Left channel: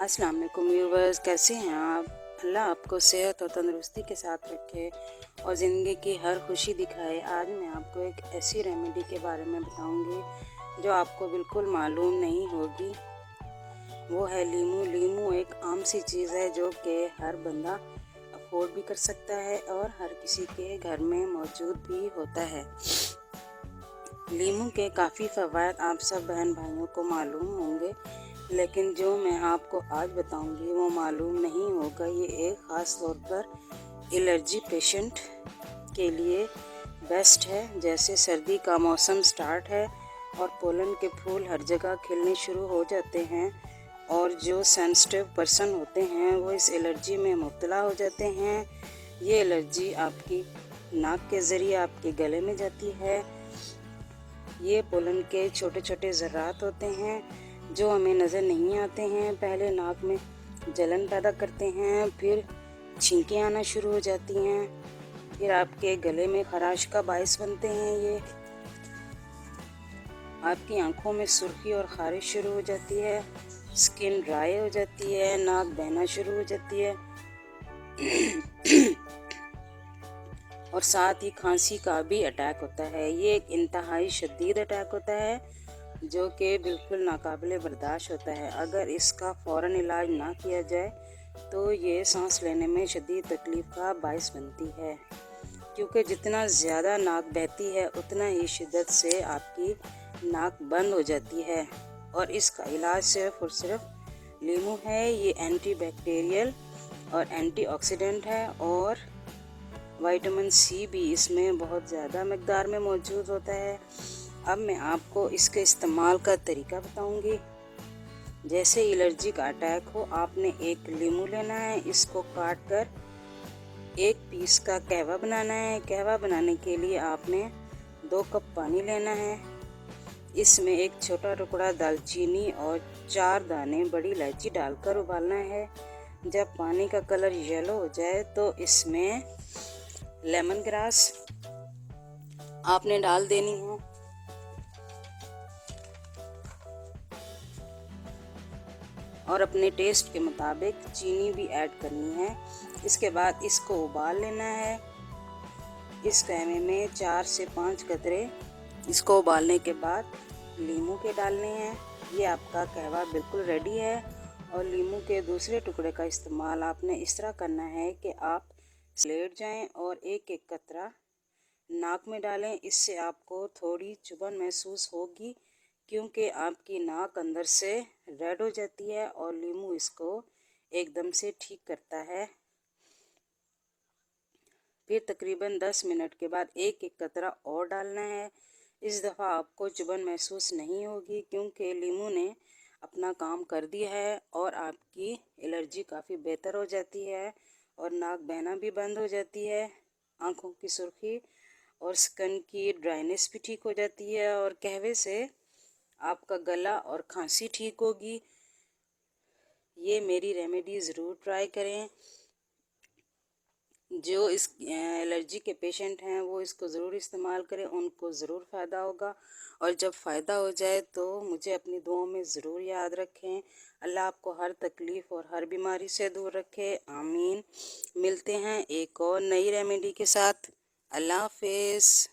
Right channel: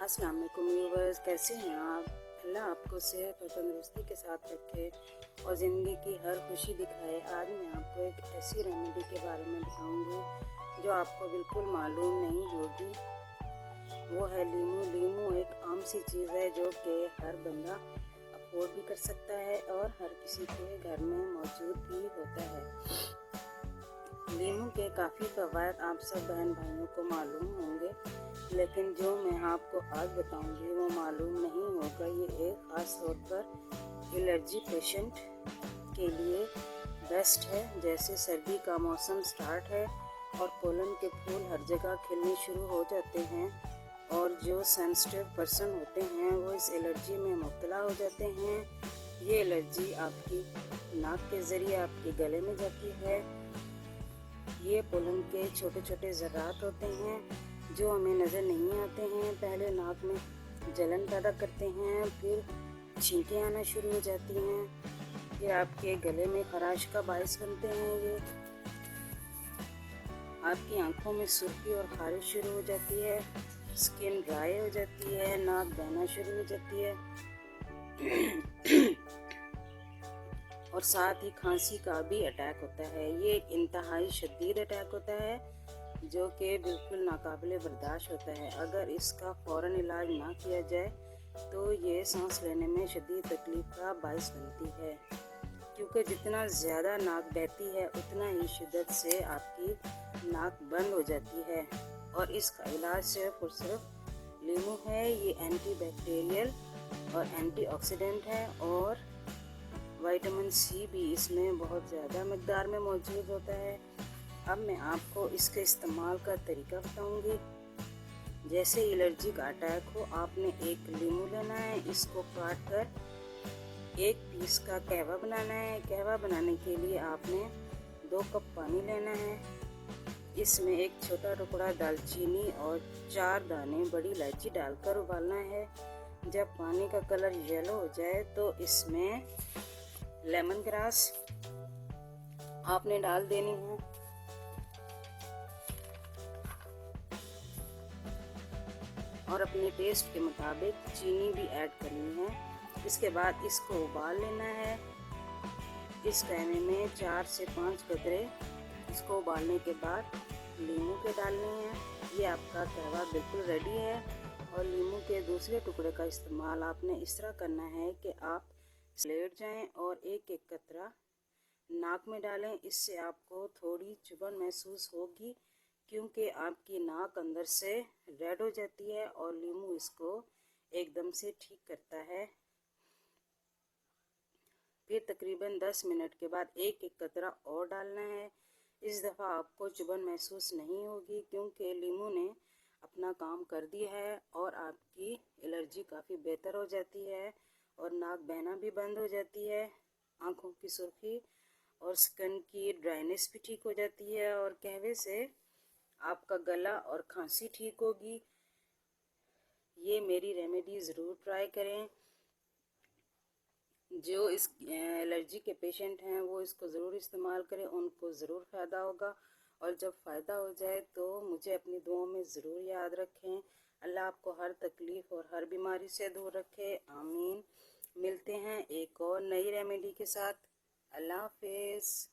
अस्सलाम वालेकुम व्यूवर्स, कैसे हैं आप? अल्लाह आपको सेहत और तंदुरुस्ती के साथ रखे और ज़िंदगी की हर खुशी दिखाए। आज मैं आपको एक ऐसी रेमेडी के बारे में बताऊंगी जो आपको बिल्कुल मालूम नहीं होगी। वो है लीमू। लीमू एक आम सी चीज़ है जो कि हर बंदा अफोर्ड भी कर सकता है और हर किसी के घर में मौजूद भी होता है। लीमू के काफ़ी फ़वाइद आप सब बहन भाइयों को मालूम होंगे, लेकिन जो मैं आपको आज बताऊंगी वो मालूम नहीं होगा। ये एक ख़ास तौर पर एलर्जी पेशेंट के लिए बेस्ट है। जैसे सर्दी का मौसम स्टार्ट है और पोलन के फूल हर जगह खिलने शुरू हो जाते हैं और जो सेंसिटिव पर्सन होते हैं वो इस एलर्जी में मुब्तला हो जाते हैं। ये एलर्जी आपकी नाक के ज़रिए आपके गले में जाती है। ये पोलन के छोटे छोटे ज़र्रात होते हैं जो हमें नज़र नहीं आते हैं। पहले नाक में जलन पैदा करते हैं, फिर छींकें आना शुरू हो जाती हैं, फिर आपके गले में खराश का बायस बनते हैं। ये आपकी आंखों में सुर्खी और खारिश शुरू हो जाती है, स्किन ड्राई हो जाती है, नाक बहना शुरू हो जाती है और साथ ही खांसी का भी अटैक होता है। ये एक इंतहाई शदीद अटैक होता है जो कि बिल्कुल नाकाबिले बर्दाश्त होता है। अगर इसका फ़ौरन इलाज ना किया जाए तो ये सांस लेने में शदीद तकलीफ़ का बायस बनती है, क्योंकि जितना ज़्यादा नाक बहती है उतना ही शिद्दत से आपकी नाक बंद हो जाती है। और इसका इलाज सिर्फ़ और सिर्फ लीमू है। ये एंटी बैक्टीरियल और एंटीऑक्सीडेंट है और विटामिन सी भी इसमें बहुत ज़्यादा मकदार में मौजूद होता है। अब मैं आपको इसके इस्तेमाल का तरीका बताऊंगी। जैसे एलर्जी का अटैक हो, आपने एक लीमू लेना है, इसको काट कर एक पीस का कहवा बनाना है। कहवा बनाने के लिए आपने 2 कप पानी लेना है। इसमें एक छोटा टुकड़ा दालचीनी और 4 दाने बड़ी इलायची डालकर उबालना है। जब पानी का कलर येलो हो जाए तो इसमें लेमन ग्रास आपने डाल देनी है और अपने टेस्ट के मुताबिक चीनी भी ऐड करनी है। इसके बाद इसको उबाल लेना है। इस कहवे में 4 से 5 कतरे इसको उबालने के बाद लीमू के डालने हैं। ये आपका कहवा बिल्कुल रेडी है। और लीमू के दूसरे टुकड़े का इस्तेमाल आपने इस तरह करना है कि आप लेट जाएं और एक एक कतरा नाक में डालें। इससे आपको थोड़ी चुभन महसूस होगी क्योंकि आपकी नाक अंदर से रेड हो जाती है और लीमू इसको एकदम से ठीक करता है। फिर तकरीबन 10 मिनट के बाद एक एक कतरा और डालना है। इस दफ़ा आपको चुभन महसूस नहीं होगी क्योंकि लीमू ने अपना काम कर दिया है और आपकी एलर्जी काफ़ी बेहतर हो जाती है और नाक बहना भी बंद हो जाती है। आँखों की सुर्खी और स्किन की ड्राइनेस भी ठीक हो जाती है और कहवे से आपका गला और खांसी ठीक होगी। ये मेरी रेमेडी ज़रूर ट्राई करें। जो इस एलर्जी के पेशेंट हैं वो इसको ज़रूर इस्तेमाल करें, उनको ज़रूर फ़ायदा होगा। और जब फ़ायदा हो जाए तो मुझे अपनी दुआओं में ज़रूर याद रखें। अल्लाह आपको हर तकलीफ़ और हर बीमारी से दूर रखे, आमीन। मिलते हैं एक और नई रेमेडी के साथ। अल्लाह हाफ़िज़।